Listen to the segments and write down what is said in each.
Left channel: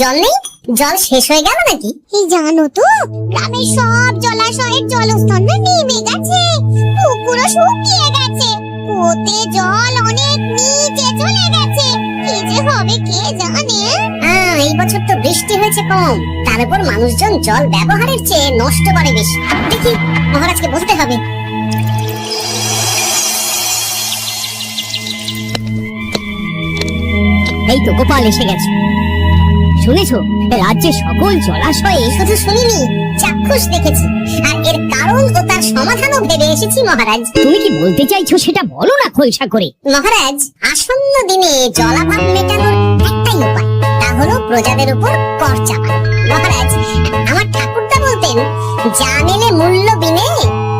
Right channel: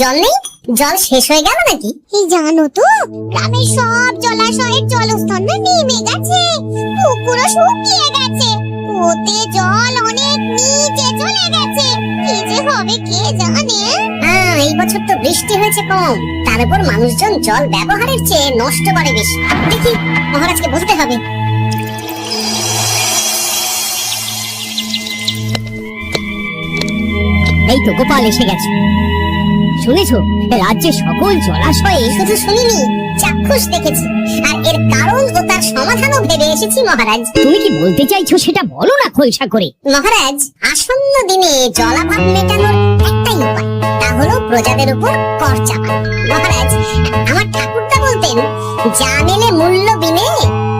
জল নেই? জল শেষ হয়ে গেল নাকি? এই জানো তো, গ্রামের সব জলাশয়ের জলস্তর না নেমে গেছে, পুকুরও শুকিয়ে গেছে, কুয়োতে জল অনেক নিচে চলে গেছে। কি যে হবে কে জানে। এই বছর তো বৃষ্টি হয়েছে কম, তার উপর মানুষজন জল ব্যবহারের চেয়ে নষ্ট করে বেশি। দেখি মহারাজকে বলতে হবে। এই তো গোপাল এসে গেছে। শুনেছো, রাজ্যের সকল জলাশয়ে? শুধু শুনিনি, চাক্ষুষ দেখেছি, আর এর কারণ ও তার সমাধানও ভেবে এসেছি মহারাজ। তুমি কি বলতে চাইছো সেটা বলো না খোলসা করে। মহারাজ, আসন্ন দিনে জলাভাব মেটানোর একটাই উপায়, তা হলো প্রজাদের উপর কর চাপানো। মহারাজ, আমার ঠাকুরদা বলতেন, যা মেলে মূল্য বিনে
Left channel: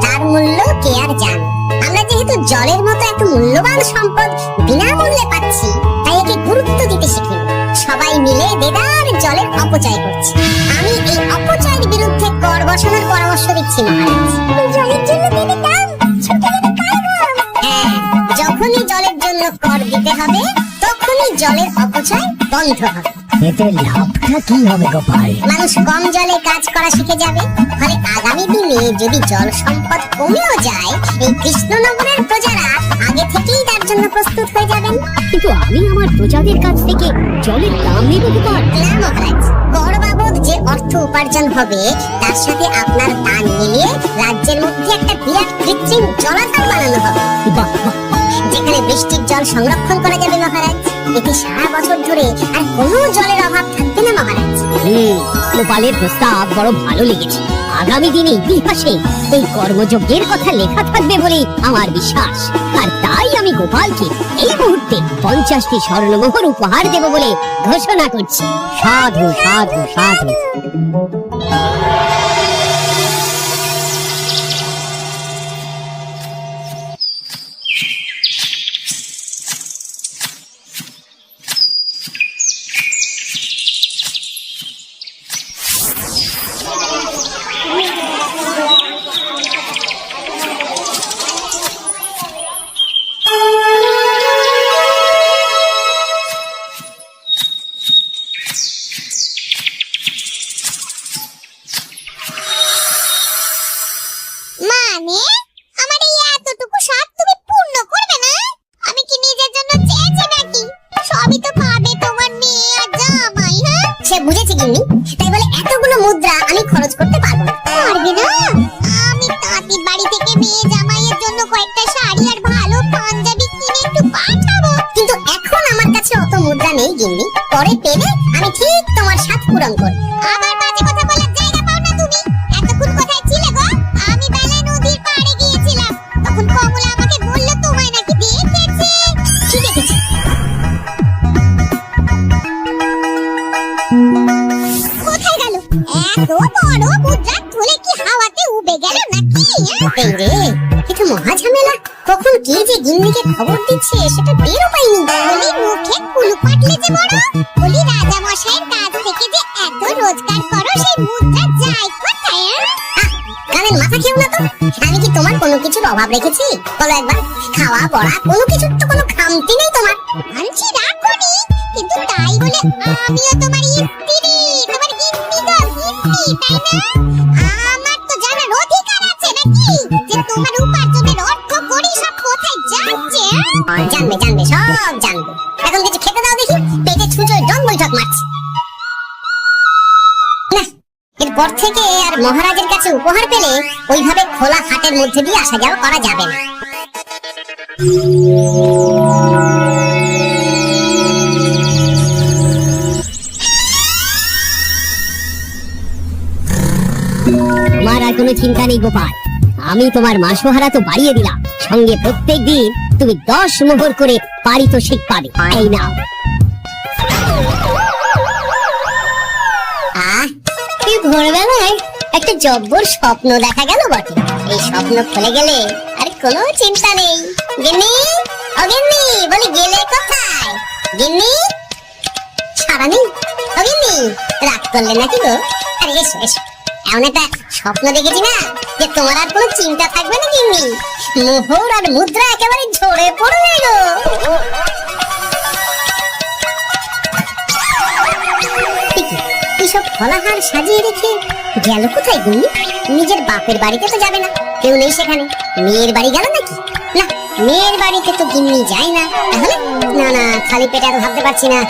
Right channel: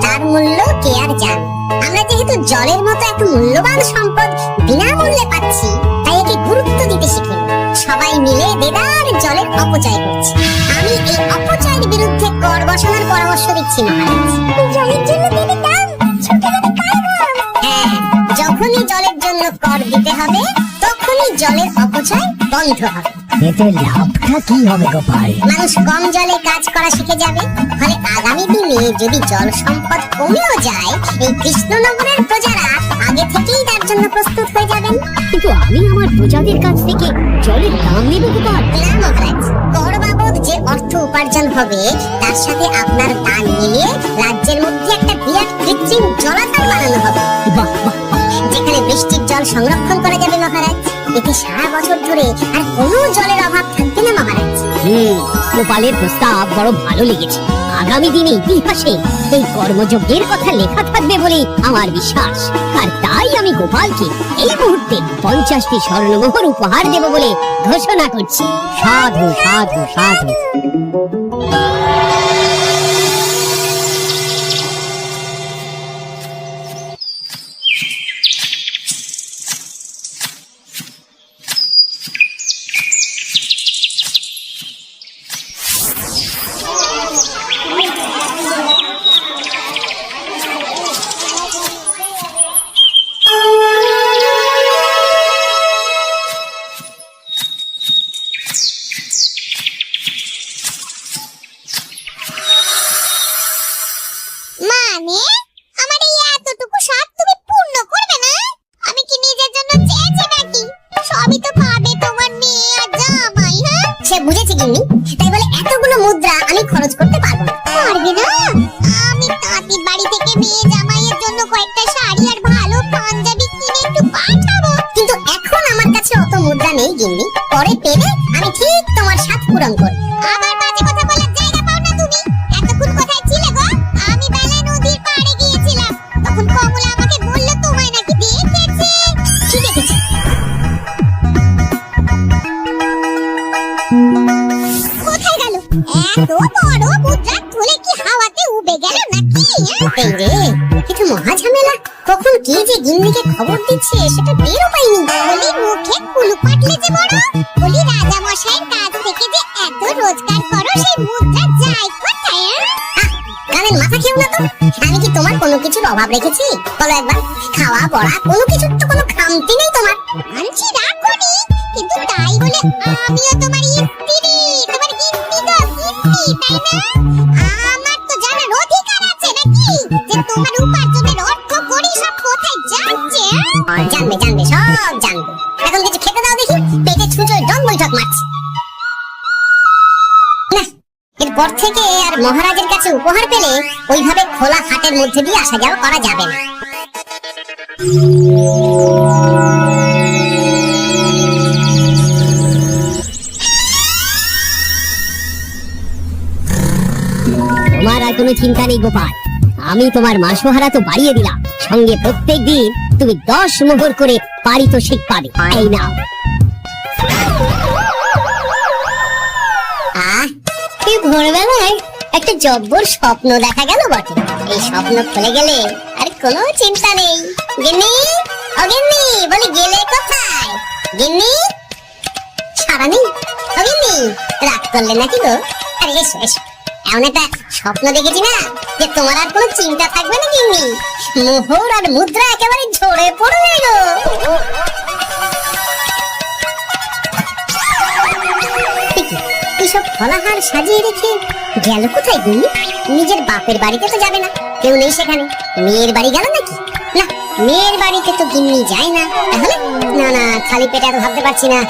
তার মূল্য কে আর জানে। আমরা যেহেতু জলের মতো এত মূল্যবান সম্পদ বিনামূল্যে পাচ্ছি, তাই একে গুরুত্ব দিতে শিখিনি। সবাই মিলে দেদার জলের অপচয় করছি। আমি এই অপচয়ের বিরুদ্ধে কর বসানোর পরামর্শ দিচ্ছি মহারাজ। জলের জন্য দেবে দাম, ছুটে যাবে কারবার। হ্যাঁ, যখনই জলের জন্য কর দিতে হবে, তখনই জলের অপচয় বন্ধ হবে। এতে লাভটা কি হবে গোপাল? মানুষ কম জলে কাজ করা শিখে যাবে, ফলে আগামী দিনে যদি জল সম্পদ কমেও যায়, এই কৃষ্ণনগরের প্রজারা আগে থেকেই তার জন্য প্রস্তুত হয়ে যাবেন। কিন্তু আমি আমার প্রজাদের কাছ থেকে জলের দাম নেব গোপাল? না মহারাজ, কর বাবদ যে অর্থ উপার্জন হবে, তার সাথে আপনার দান মিলিয়ে রাজ্যের মধ্যে একটা বিরাট কৃত্রিম জলাধার বানানো হবে। বাহ বাহ বাহ, যেখানে বৃষ্টির জল সংরক্ষণ করা যাবে মহারাজ। এতে সারা বছর ধরে আর কোনো জলের অভাব থাকবে না মহারাজ। গোপালের প্রস্তাব বড় ভালো লেগেছে। আগামী দিনে ইতিহাসে এই কর্মযজ্ঞের কথা লেখা থাকবে বলে আমার বিশ্বাস। আর তাই আমি গোপালকে এই মুহূর্তে 50টি স্বর্ণমোহর উপহার দেব বলে ঘোষণা করছি। সাধু সাধু সাধু। মানে আমার এই এতটুকু স্বাদ তুমি পূর্ণ করবে না? আমি কি নিজের জন্য চেয়েছি নাকি? সবই তো পাবে তোমার মেয়ে আর জামাই। হ্যাঁ, সে বুঝেছি গিন্নি, তাই বলে এতগুলো মুদ্রা আমি খরচ করতে পারবো না। পারবে না? আমি তাঁতির বাড়ি থেকে মেয়ে জামাইয়ের জন্য কয়েকটা শাড়ি আর ভালো পাঞ্জাবি কিনে একটু পাঠাবো। কিন্তু এখন আমার কাছে অত মুদ্রা নেই গিন্নি, পরে পেলে আমি ঠিক তোমার সাথ পূরণ করব। আবার বাজে কথা বলার জায়গা পাও না তুমি। এতক্ষণ কোথায় ছিলে গো? আমি বেলায় নদীর পাড়ে গিয়েছিলাম, তখন কমলা আমাকে বলল তোমায় নাকি দেখেছে। কি দেখেছি? কোথায় গেল এত বড় মুদ্রা? তুলে কি হাওয়াতে উড়ে গেল নাকি? এই রে, এটা মহা ঝামেলা। কখন কে যে গিন্নিকে খবর দিচ্ছে সেটা টেরও পাইনি। বলি মুখে কুলু পাটলে যে বড়। বলি রাজা মশাইয়ের কাছ থেকে যে এত রোজগার করো, সেই মুদ্রা যায় কোথায়? কানের মাথা খেও না তো। আমি কি তোমার কোনো কিছুর অভাব রেখেছি? বলো একবার। খাওয়া পড়া কোনো কিছুর তো কোনো খামতি নেই তোমার। আনছি রাখনি, কিন্তু তাই বলে আমিও তোমার স্ত্রী, তোমার গিন্নি গো, গিন্নি, তাই না? আমার তো জানার অধিকার আছে নাকি, যে তোমার উপার্জনের অর্থ করি সব কোথায় যাচ্ছে? জানবে জানবে, সব জানবে। এখন কিছু খেতে দাও দেখি, পেটে ছুঁচোয় ডং বৈঠক মারছে। না, এরপর থেকে আর মহারাজের কাছে উপহার পেলে ওইভাবে খোলা হাটের মধ্যে দিয়ে আসা যাওয়া করা যাবে না। তোমার আর কোনো চিন্তা নেই গোপাল, আমি তোমার মাসোহারা তো বাড়িয়ে দিলাম, সঙ্গে প্রত্যেকদিন তুমি 10 মোহর করে পারিতোষিক পাবে। এই নাও। এই ভোরবেলায় একটা জব্বর স্বপ্ন দেখা গেল বটে। এই স্বপ্ন খুলে গেলে আর কোনো চিন্তা নেই। গিন্নি, ও গিন্নি, বলি গেলে কোথায়? গিন্নি, তারা নেই? অগিন্নি, রাগ করলে নাকি গো? আরে এসো এসো, এমন একটা স্বপ্ন দেখেছি না যে তোমার আর কোনো চিন্তা থাকবে না গিন্নি। মোহর আর মুদ্রা একেবারে ঝরে পড়বে গো। এসব ফলাহার সাজিয়ে রেখে গেল কোথায় গিন্নি? নিজের বাপের বাড়িতে তো যাবে না, কেউ নেই সেখানে। মেয়ের বাড়ি গেল নাকি? না, মেয়ের বাড়িতে তো গিন্নি যায় না। তাহলে না না, খালি পেটে এত ভাবতে পারছি না।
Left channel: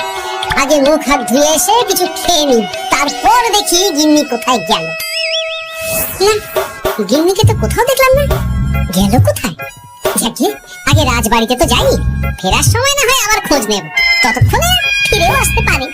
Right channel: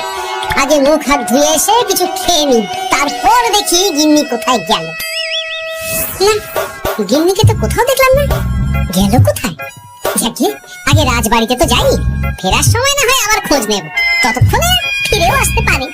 আগে মুখ হাত ধুয়ে এসে কিছু খেয়ে নি, তারপর দেখি গিন্নি কোথায় গেল। না, গিন্নিকে তো কোথাও দেখলাম না। গেল কোথায়? যাকে আগে রাজবাড়িতে তো যাই, ফেরার সময় না হয় আবার খোঁজ নেব, ততক্ষণে ফিরেও আসতে পারে।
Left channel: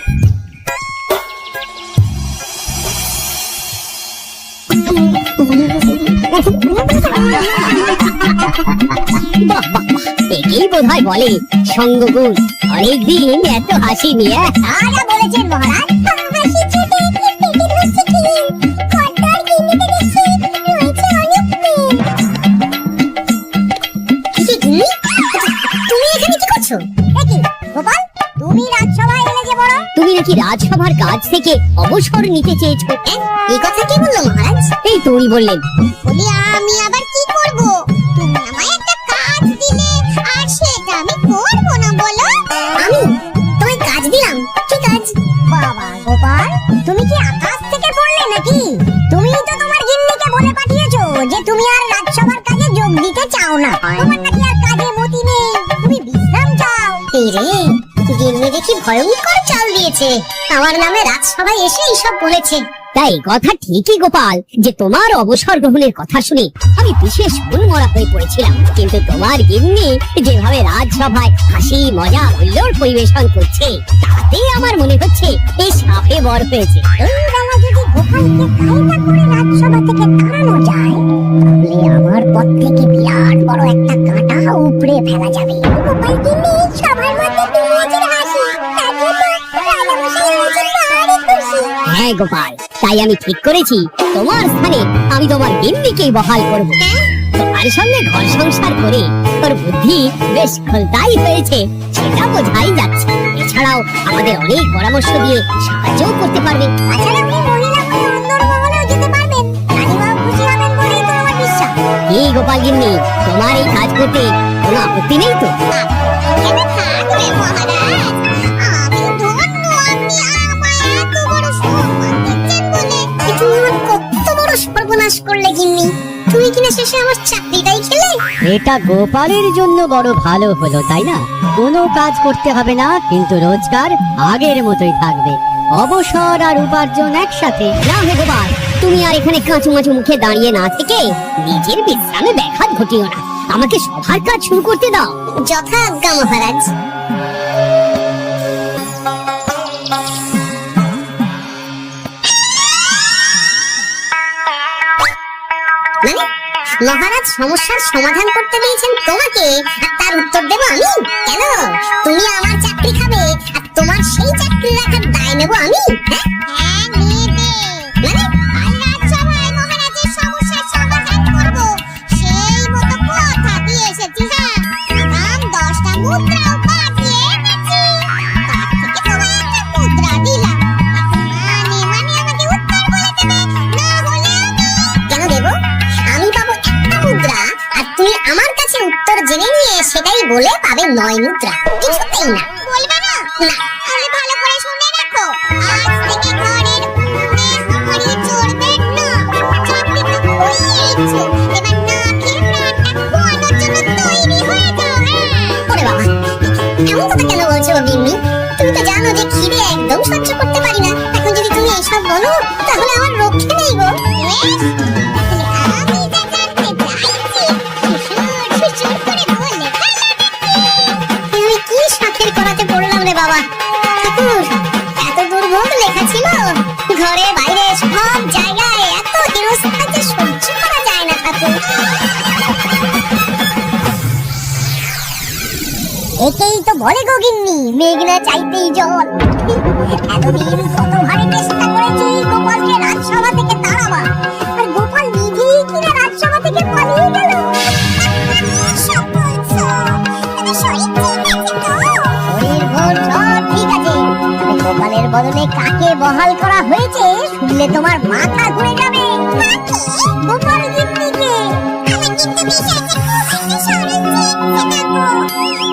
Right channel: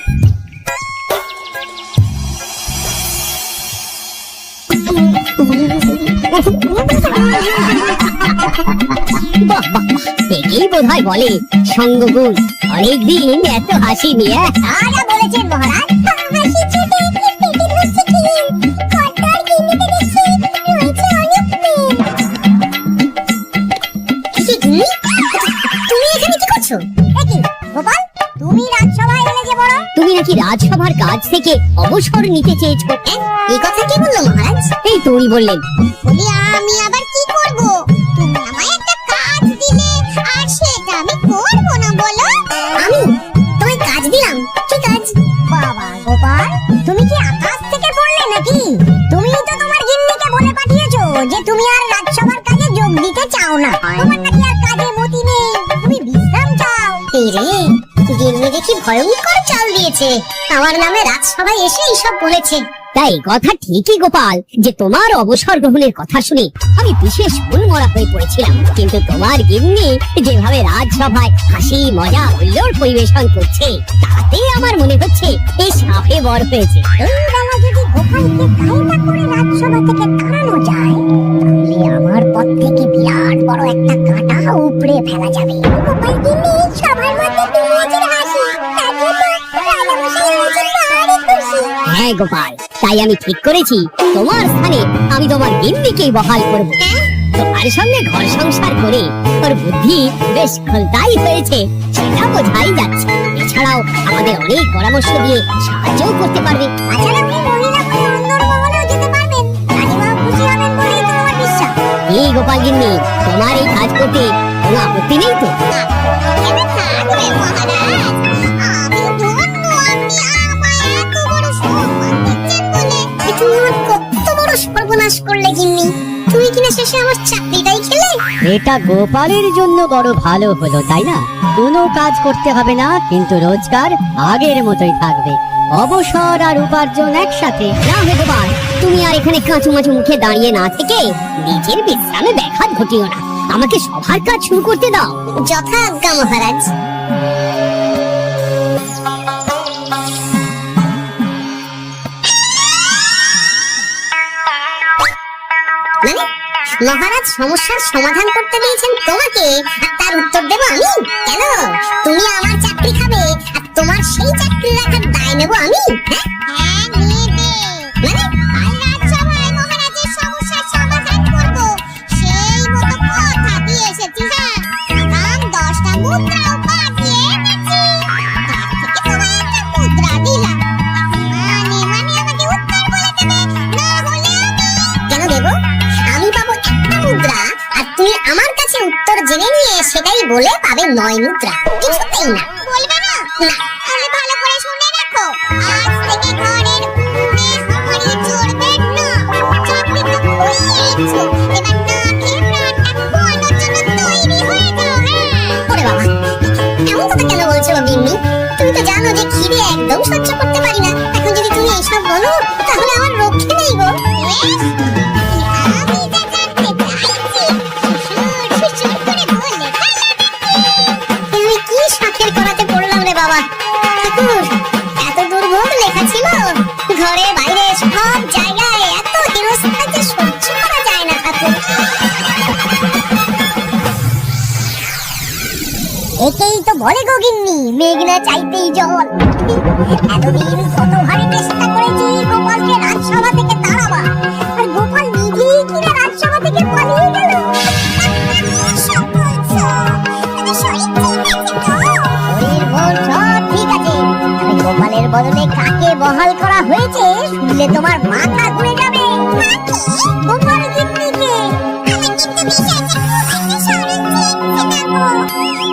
বাহ বাহ বাহ, একেই বোধহয় বলে সঙ্গগুণ। অনেকদিন এত হাসি নিয়ে। আরা বলেছেন মহারাজ, হাসি চোটে কি পেটে ধরছে কি, কর্তার গিন্নিতে দেখছি রয়েছে অনেক প্রেম। কি গিন্নি, তুমি এখানে কি করছো? দেখি গোপাল, তুমি রাজসভায় এলে যে বড়। তুমি নাকি রাজসভার কাজ থেকে অবসর নিতে চেয়েছো? এই কথা কে বললো মহারাজ? এই তো উনি বললেন। বলি আমি আবার কি করব? তুমি আমায় একটা কাজ দিলে, আর সেটা আমি করব না বলো? আমি তোমায় কাজ দিলাম? কি কাজ? বাবা গোপাল, তুমি কি আকাশ থেকে পড়লে নাকি? তুমিই তো তোমার গিন্নিকে বলে পাঠিয়েছো যে তুমি আর রাজসভার কাজে যোগ দিতে চাও না। তোমার নাকি আর কাজে মতি নেই, তুমি বিশ্রাম চাও। এই রে, গিন্নি দেখি ভয়ঙ্কর চাল দিয়েছে। আমার নামে রাজসভায় এসে এইসব বলেছে। তাই কথা ঠিকই গোপাল, যে তোমার অবসর গ্রহণের কথা শুনে আমি বিশেষ মনমরা হয়ে পড়েছিলাম। কিন্তু তোমার গিন্নি যেভাবে রাজসভায় হাসি মজা হুল্লোড় পরিবেশন করছে, তাতে আমার মনে হচ্ছে এই সাপে বর হয়েছে। এই বেলা যদি গোপালকে কায়দা করে রাজসভা থেকে তাড়ানো যায়, তাহলে আমার পথ থেকে বিরাট বড় একটা কাঁটা উপড়ে ফেলা যাবে। গোপাল গিন্নি সবার মধ্যে দিয়েছে হাসি, তাতে তো রাজামশাই হয়েছে ভারী খুশি। হ্যাঁ গোপাল, তাই আমি ঠিক করেছি তোমার স্থানে আমি তোমার গিন্নিকেই বহাল করব। তোমার সঙ্গে ঘর সংসার করে ওর বুদ্ধি বেশ খোলতাই হয়েছে, সেটা বোঝাই যাচ্ছে। এছাড়াও আমাদের অনেক পরামর্শ দিয়ে সাহায্য করতে পারবে। তাছাড়া উনি মহিলা বলে অন্দরমহলেও যেতে পারবেন, রানীমাও খুশি হবেন বলেই তো আমার বিশ্বাস। কি গোপাল গিন্নি, তোমার এই কাজ করতে কোনো আপত্তি নেই তো? আপত্তি কেন থাকবে মহারাজ? আমি ধন্য আপনি আমায় এত বড় সম্মান দিচ্ছেন বলে। তুমি আমার কত বড় সর্বনাশ করলে গিন্নি। তুমি কিনা শেষে আমার চাকরিটাই খেলে। এটা গোপালের জন্য বড় ভালো হলো, তাই না? কোনো কাজ করতে হবে না, কিন্তু রোজগার আগের মতোই থাকবে। অবসর আর উপার্জন একসাথে। না হে গোপাল, তুমি আর এখানে কাঁচু মাচু মুখে দাঁড়িয়ে না থেকে নিজের বিশ্রামে ব্যাঘাত ঘটিও না। আমাকে সবার কাজ শুরু করতে দাও। যথা আজ্ঞা মহারাজ। মানে মহারাজ সমস্যার সমাধান করতে দিয়েছেন তোমাকে, আর তার উত্তর দেব আমি? কেন? তুমি আমার চাকরি খাবে, আর তোমার সেই চাকরি রাখার দায় নেব আমি? হ্যাঁ, হ্যাঁ নেবে। মানে কাল রাজসভায় মহারাজের সমস্যার সমাধান করব, সেই মতো কথা দিয়ে এসেছি। হ্যাঁ, আগাম 10টা মুদ্রাও পাঠিয়ে এনেছি। তার থেকে তোমায় একটা মুদ্রা দিলাম। এখন মানে আমাকে উত্তর বলে দেবে, না হলে আমি। কেন দেব? আমি পাবো একটা মুদ্রা, আর তুমি আমার কাছে উত্তর জেনে নিয়ে সেটাই বলে পাবে 9 মুদ্রা। কিছুতেই না। বলবে না? না। তাহলে ভালো করে শুনে রাখো, আজ থেকে ঘরের উনুনে হাঁড়ি চড়বে না। চাকরি তো খুইয়েইছো, এবার না খেয়ে প্রাণটা খোয়ানোর জন্য তৈরি হয়ে যাও। হ্যাঁ, ওরে বাবা, এমন কথা কেন বলছো গিন্নি? তুমি তো জানো যে খিদে একদম সহ্য করতে পারি না। এখন যদি তুমি এইসব বলো, তাহলে আমার রক্ষে নেই গো। বেশ, তাহলে আমি যা জানতে চাইছি শ্বশুর শ্বশুর করে বলে ফেলো দেখি। এ আমি কি শাখের করাতে পড়লাম রে বাবা। ঠাকুর, এত দুর্ভোগ লেখা ছিল। ঘরে বাইরে সব জায়গায় এত হেনস্থা যে সহ্য করা যায় না ঠাকুর। একেই তো বলে গো গিন্নি, মেঘ না চাইতেই জল। এতদিন কত ভাবে চেষ্টা করেছি গোপালকে রাজসভা থেকে তাড়াবার, আর গোপাল নিজেই কিনা রাজসভা থেকে পালিয়ে গেল। শরীর ভোর সব ঠিক আছে, তবে গোপালের বদলে কাকে বহাল করা হয়েছে শুনলে তোমার মাথা ঘুরে যাবে। গোপাল গিন্নিকে। আমার কিন্তু বিষয়টা খুব একটা সরল চেয়েছে না গো।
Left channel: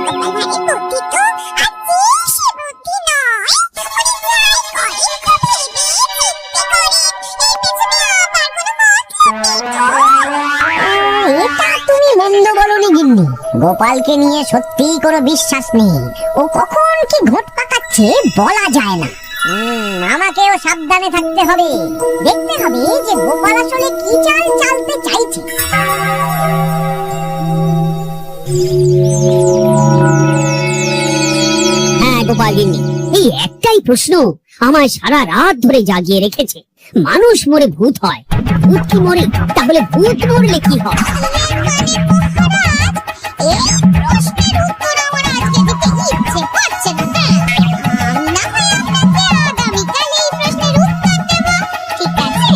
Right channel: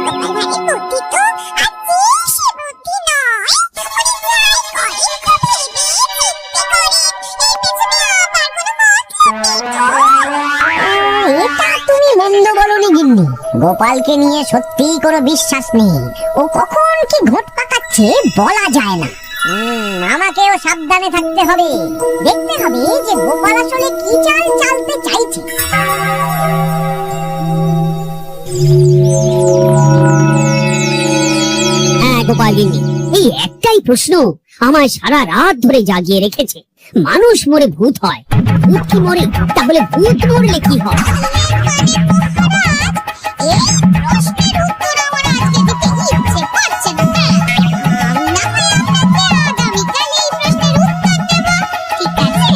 গোপাল ভাইয়ের বুদ্ধি তো আজকে সে বুদ্ধি নয়। উনি প্রায় করেন তো ভেবে চিন্তে করেন। এর পেছনে আবার কোনো এটা তুমি মন্দ বলনি গিন্নি। গোপালকে নিয়ে সত্যিই কোনো বিশ্বাস নেই। ও কখন কি ঘট পাকাচ্ছে বলা যায় না। আমাকেও সাবধানে থাকতে হবে। দেখতে হবে যে গোপাল আসলে কি চাল চালতে চাইছে। হ্যাঁ গোপাল গিন্নি, এই একটাই প্রশ্ন আমায় সারা রাত ধরে জাগিয়ে রেখেছে। মানুষ মরে ভূত হয়, ভূত কি মরে? তাহলে ভূত মরলে কি হয়? এই প্রশ্নের উত্তর আমার আজকে দিতে ইচ্ছে করছে না। হ্যাঁ, আমি না হয় আপনাকে আগামীকাল এই প্রশ্নের উত্তর দেব। ঠিক আছে?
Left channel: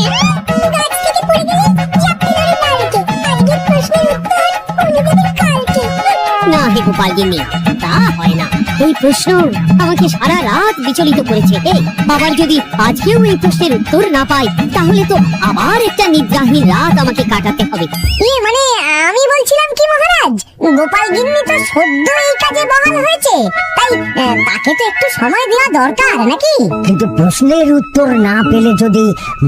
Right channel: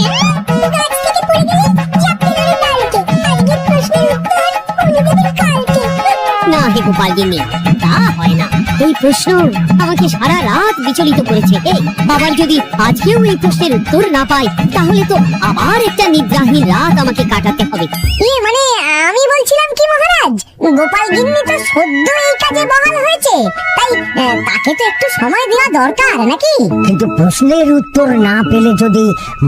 গাছ থেকে পড়ে গেলে চাপতে ধরে ডালকে। আজকের প্রশ্নের উত্তর উনি দেবেন কালকে। না হে গোপাল গিন্নি, তা হয় না। এই প্রশ্ন আমাকে সারা রাত বিচলিত করেছে। আবার যদি আজকেও এই প্রশ্নের উত্তর না পাই, তাহলে তো আবার একটা নিদ্রাহীন রাত আমাকে কাটাতে হবে। মানে আমি বলছিলাম কি মহারাজ, গোপাল গিন্নি তো সদ্য এই কাজে বহাল হয়েছে, তাই তাকে তো একটু সময় দেওয়া দরকার নাকি? কিন্তু প্রশ্নের উত্তর না পেলে যদি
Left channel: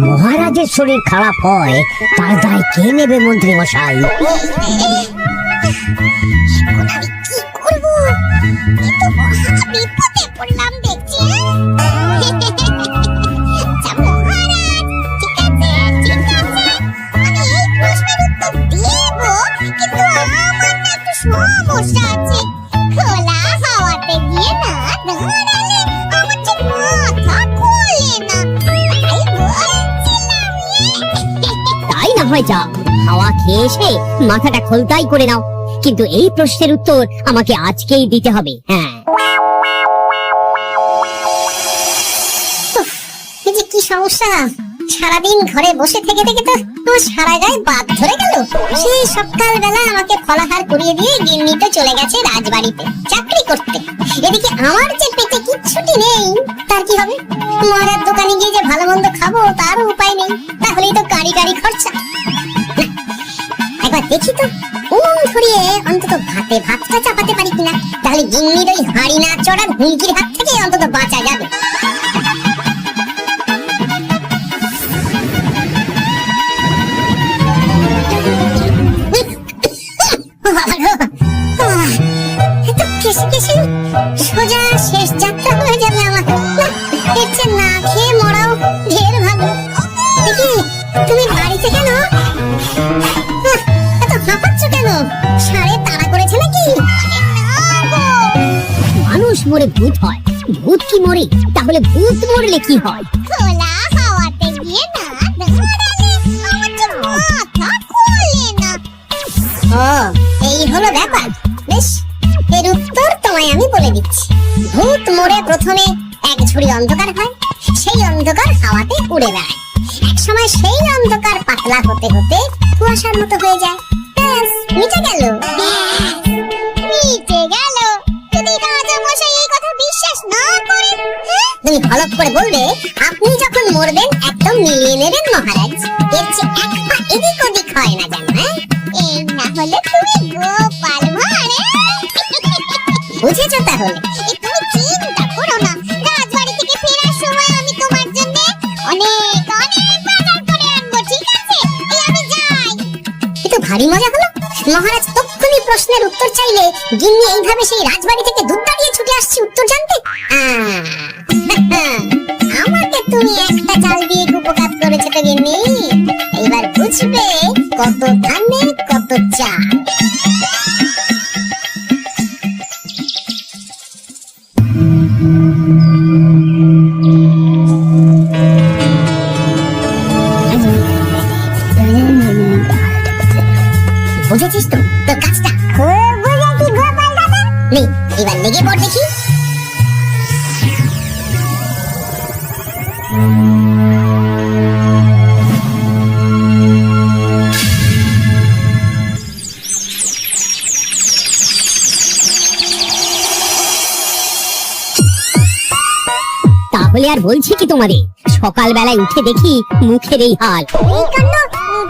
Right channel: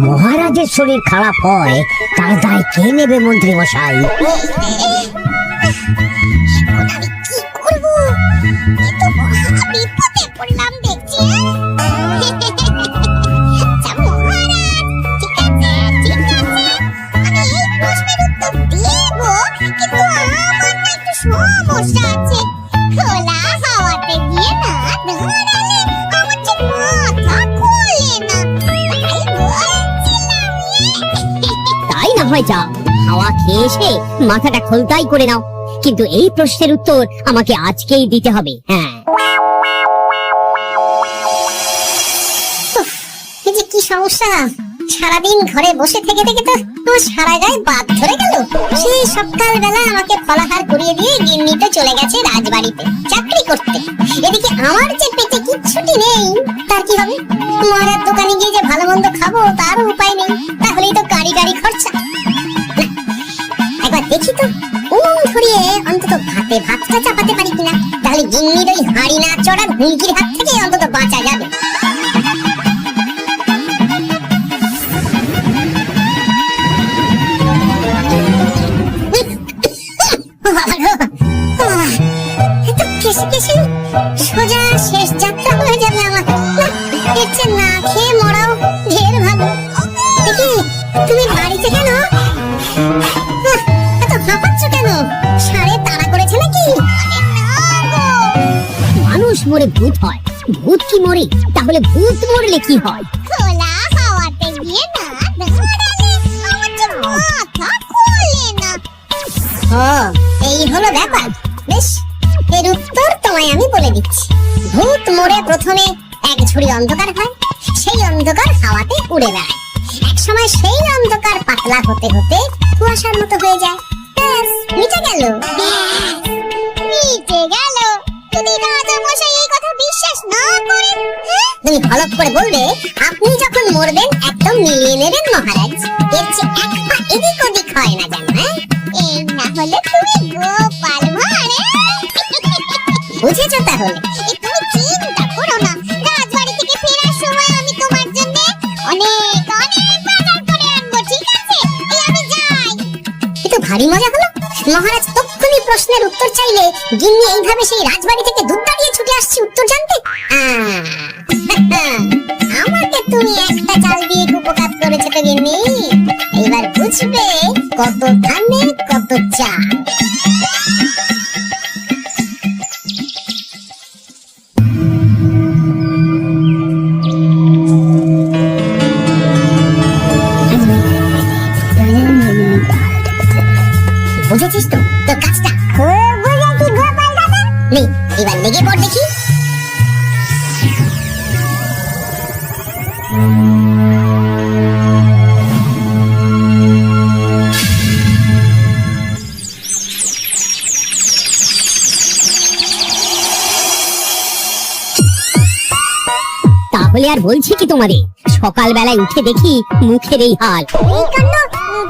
মহারাজের শরীর খারাপ হয়, তার দায় কে নেবে মন্ত্রী মশাই? এখন আমি কি করব? এ তো মহা বিপদে পড়লাম দেখছি। আচ্ছা মহারাজ, ঠিক আছে ঠিক আছে, আমি এই প্রশ্নের উত্তর দেব, কিন্তু আমার না একটু সমস্যা আছে। খোলা হাওয়াতে গিয়ে না দাঁড়ালে আমার ঠিক মাথা খোলে না, তাই বলছিলাম। তাই না হয় যাও, হাওয়া খেয়ে এসে মাথাটা খোলতাই করে নাও। কিন্তু এই প্রশ্নের উত্তর আমাকে আজকেই দিতে হবে। হ্যাঁ, এই যে কি সমস্যা, সারাদিন ঘরে বসে থেকে থেকে তো আমার সারা গায়ে বাদ ধরে গেল। সেই সকালবেলা আমাকে ফলাহার করিয়ে দিয়ে গিন্নিটা চলে গেছে রাজবাড়িতে চাকরি করতে। এদিকে আমার যে পেটে কিচ্ছুটি নেই, তার কি হবে? মহারাজ দোকানে গিয়ে যে ভালো মন্দ খাবো তারও উপায় নেই। তাহলেই তো গাড়ি গাড়ি খরচা। না, একবার দেখি তো উনুন ধরিয়ে অন্তত ভাতটা চাপাতে পারি কিনা। তাহলে গিন্নির ওই হাঁড়ি না চড়ার হুমকির হাত থেকে অন্তত বাঁচা যাবে। এত কেসে কেসে সোজা শেষ যাত্রা হয়ে যাবে আমার। না, এর চেয়ে না খেয়ে মরাও ঢের ভালো। দেখি তুমি বাড়িতে কেন? এত হাঁপাচ্ছ কেন? সাড়ে তাড়া করেছে নাকি? আরে না গো, মানুষ মরে ভূত হয়, ভূত কি মরে? তাহলে ভূত মরলে কি হয়? খোলা হাওয়াতে গিয়ে না দাঁড়ালে আমার ঠিক মাথা খোলে না। ও, এই হলো ব্যাপার। বেশ, এর উত্তর তোমায় আমি বলে দিচ্ছি। ভূত মরে প্রথমে এক ঝুড়ি অন্ধকার হয়, সেই অন্ধকার হাওয়াতে উড়ে বেড়ায়। এক সময় সেই অন্ধকার পাতলা হতে হতে কুয়াশার মতো হয়ে যায়। ব্যাস, মিটে গেল। মিটে গেল। যদি রাজা মশাই এই কথা বিশ্বাস না করেন, তুমি হলপ করে বলবে আপনি যখন মরবেন একদম মিলিয়ে নেবেন মহারাজ। এর চেয়ে এক পা এদিক ওদিক হয় না জানো। এই না হলে তুমি গোপাল ভাঁড়। বুঝেছো তাহলে? তুমি চিন্তা করো না, রাজবাড়ি থেকে ফেরার সময় আমি তোমার জন্য অনেক অনেক বাজার করে আনবো, ঠিক আছে? এই আমি যাই। কিন্তু ভারী মজা হলো। মহারাজ তক্ষুনি প্রশ্নের উত্তর চাইলে গিন্নি এইভাবে সেই রাজবাড়ি থেকে দুধ দাঁড়িয়ে ছুটে আসছি উত্তর জানতে। আমাকে তুমি একটা চাল দিয়ে উপকার করেছো তো গিন্নি। এবার বুঝবে কত ধানে কত চাল। বুঝেছিস তো তোর কাজটা? বুঝেছি গোপাল দাদা। নেই, এবার লেগে পড় দেখি। আর বলছি কি তোমাদের, সকাল বেলায় উঠে দেখি মুখের এই হাল। এই কাণ্ড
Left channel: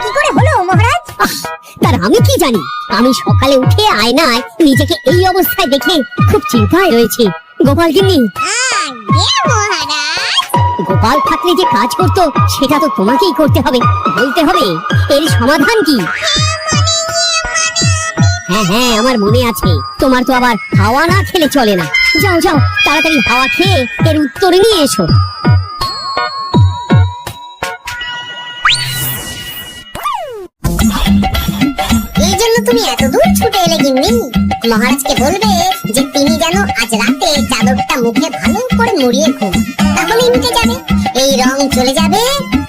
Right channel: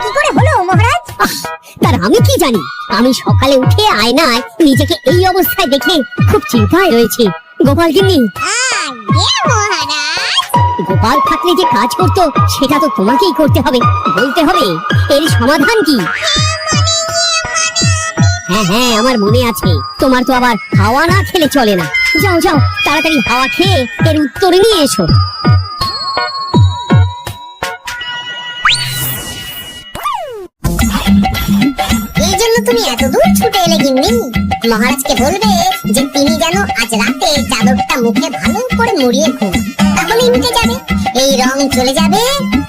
কি করে হলো মহারাজ? তার আমি কি জানি, আমি সকালে উঠে আয়নায় নিজেকে এই অবস্থায় দেখে খুব চিন্তায় রয়েছে। গোপাল গিন্নি, আগে মহারাজ। গোপাল থাকলে যে কাজ করতো সেটা তো তোমাকেই করতে হবে, বলতে হবে এর সমাধান কি। হ্যাঁ হ্যাঁ, আমার মনে আছে। তোমার তো আবার হাওয়া না খেলে চলে না। যাও যাও, তাড়াতাড়ি হাওয়া খেয়ে এর উত্তর নিয়ে এসো। এই জন্য তুমি এত দূর ছুটে এলে গিন্নি? মহারাজকে বলবে যে তিনি যেন আজ রাতে চাদরটা মুখে ভালো করে মুড়িয়ে ঘুম, তাহলেই মিটে যাবে, এই রং চলে যাবে,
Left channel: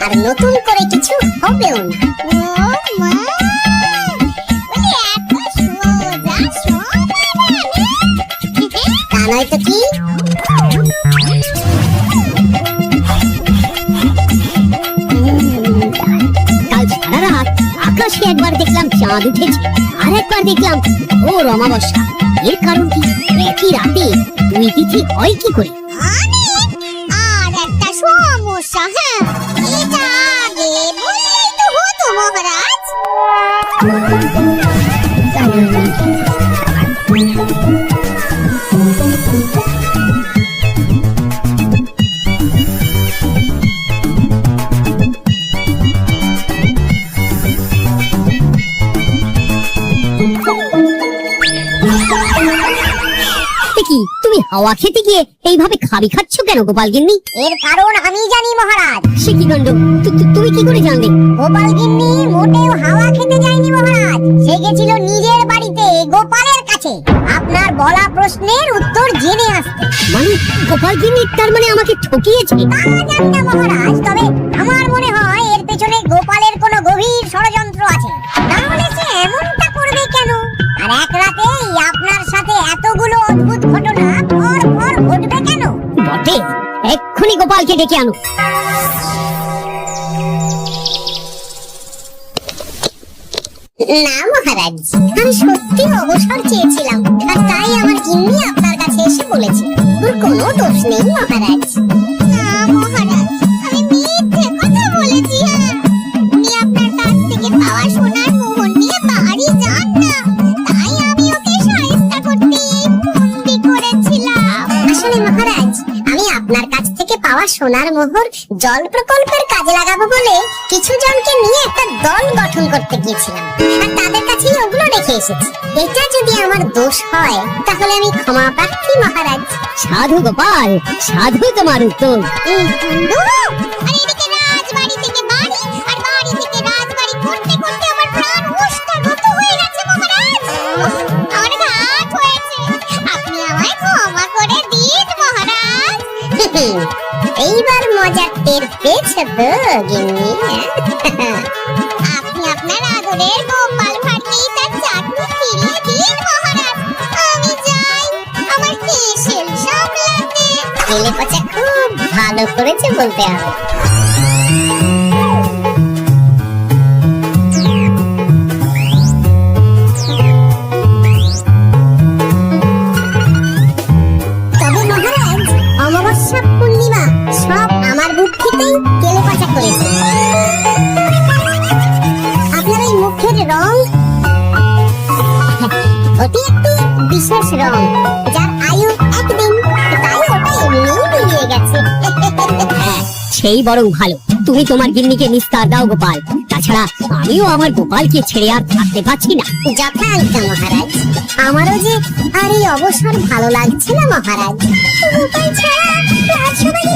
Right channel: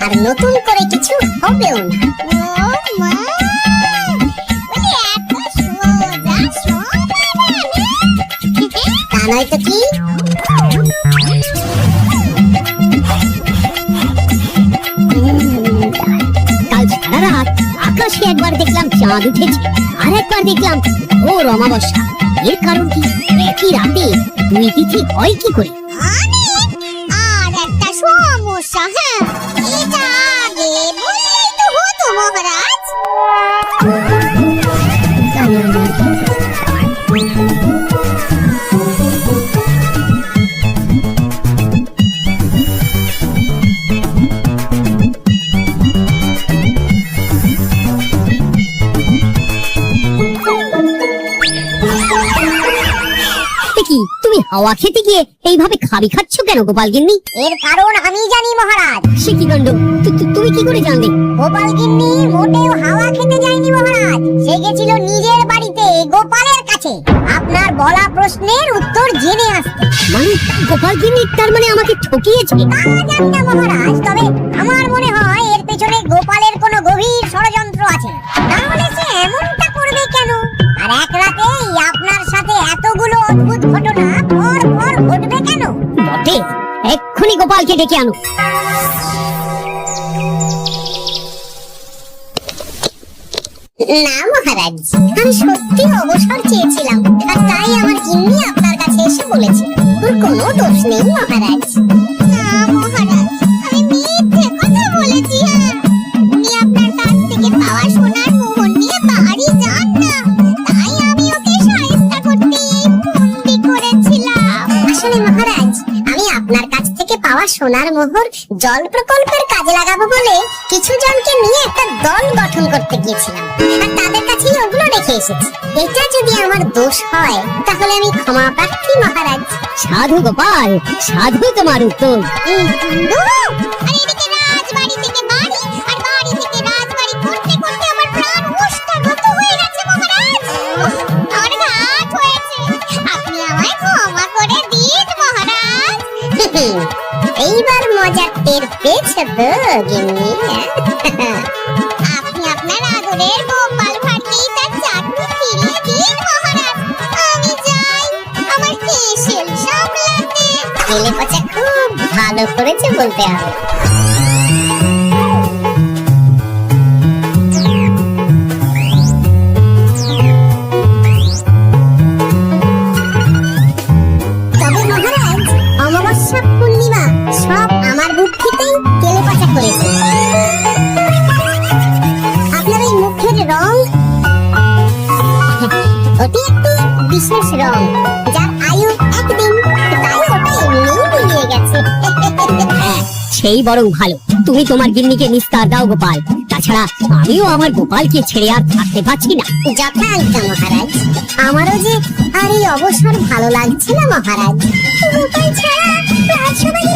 আর নতুন করে কিছু হবেও না। ও মা, বলে এত সোজা সমাধান। তা নয় তো কি? কাল সারা রাত আকাশে একবার দেখলাম চাঁদ উঠেছে, আর একবার দেখলাম ঘোর অমাবস্যা। এর কারণ কি? একই রাতে দুই তিথি হয় কি করে? আর একটা সমস্যা, হ্যাঁ, এটা আগে বললেই তো হতো মহারাজ। কি তুমি হাওয়া খেতে গিয়ে এইভাবে খাবি খাচ্ছ কেন গোপাল গিন্নি? এর কারণ আমি জানি মহারাজ। সে কি কাণ্ড, তুমি কি করে জানলে? গোপাল গিন্নি মোটেও হাওয়া খেতে যায়নি মহারাজ, সে গেছিল নিজের বাড়িতে গোপালের কাছে আপনার বলা প্রশ্নের উত্তর জেনে আসতে। মানে গোপাল গিন্নি তার মানে আমাকে ঠকিয়েছে? তা জানি না মহারাজ, তবে আমার মনে হয় এর পেছনে গোপালের কোনো গভীর ষড়যন্ত্র আছে, তাহলে সে এমনটা করবে কেন? আর এক রাতেই আপনার সাথে এতগুলো অদ্ভুত ঘটনা পর পর ঘটবে কেন? বটে, এক্ষুনি গোপালকে ডেকে আনো। না মহারাজ, আমি সত্যি অবসর চেয়েছিলাম, আর তাই আমার গিন্নি আপনার কাছে এসে বলেছিল। ওর কোনো দোষ নেই মহারাজ। না মহারাজ, আমি মিথ্যে কথা বলেছি। হ্যাঁ, উনি আপনার কাছ থেকে পাওয়া সোনার মোহর নিয়ে বাড়ি যান না, তাই আমি ওকে সাহায্য করতে এই ফন্দি করেছিলাম। আসলে মহারাজ, আমি আপনার কাছ থেকে পাওয়া সোনার মোহর জল প্রকল্পের কাজে লাগাবো বলে কিছু জনকে নিয়ে একটা দল গঠন করতে গিয়েছিলাম, আর তাদের কাছেই ওগুলো রেখে এসেছি। এটা যদি আমার দোষ হয় তাহলে আমি ক্ষমা প্রার্থী মহারাজ। সাধু গোপাল, সাধু তোমার উত্তর। এই কাণ্ড! আর এদিকে রাজবাড়ি থেকে বাড়ি, আর বাড়ি থেকে রাজবাড়ি করতে করতে আমার প্রাণ ওষ্ঠাগত হয়ে গেছে মহারাজ। উফ, আমার ঘাট হয়েছে, আপনি আমায় ক্ষমা করে দিন মহারাজ। এইবার মজার টের পেয়েছে তো গিন্নি? আপনি আপনার আদরের গোপাল ভাঁড়কেই তার চাকরি ফিরিয়ে দিন মহারাজ। আমি যাই আমার কেশেল সামলাতে। কেলে পচা খুব ভালো করেছে বলতে হবে। তবে মহারাজ, অমাবস্যা পূর্ণিমা সব আমার বুদ্ধিতেই কেলে পচা করেছে। আপনার ওই মুখের রং, ওটি একটি বিশেষ রং, যার আয়ু একদিন, তাই ওটা এমনিই মিলিয়ে গেছে। হ্যাঁ, সেই বরং ভালো। তুমি তোমার গিন্নিকে নিস্তার দাও গোপাল, তাছাড়া আমিও আমার গোপালকে ছেড়ে আর থাকতে পারছি না। যথাজ্ঞা মহারাজ। আমারও যে আর এই অবসর ভালো লাগছে না মহারাজ। গোপাল ছাড়া রাজসভায়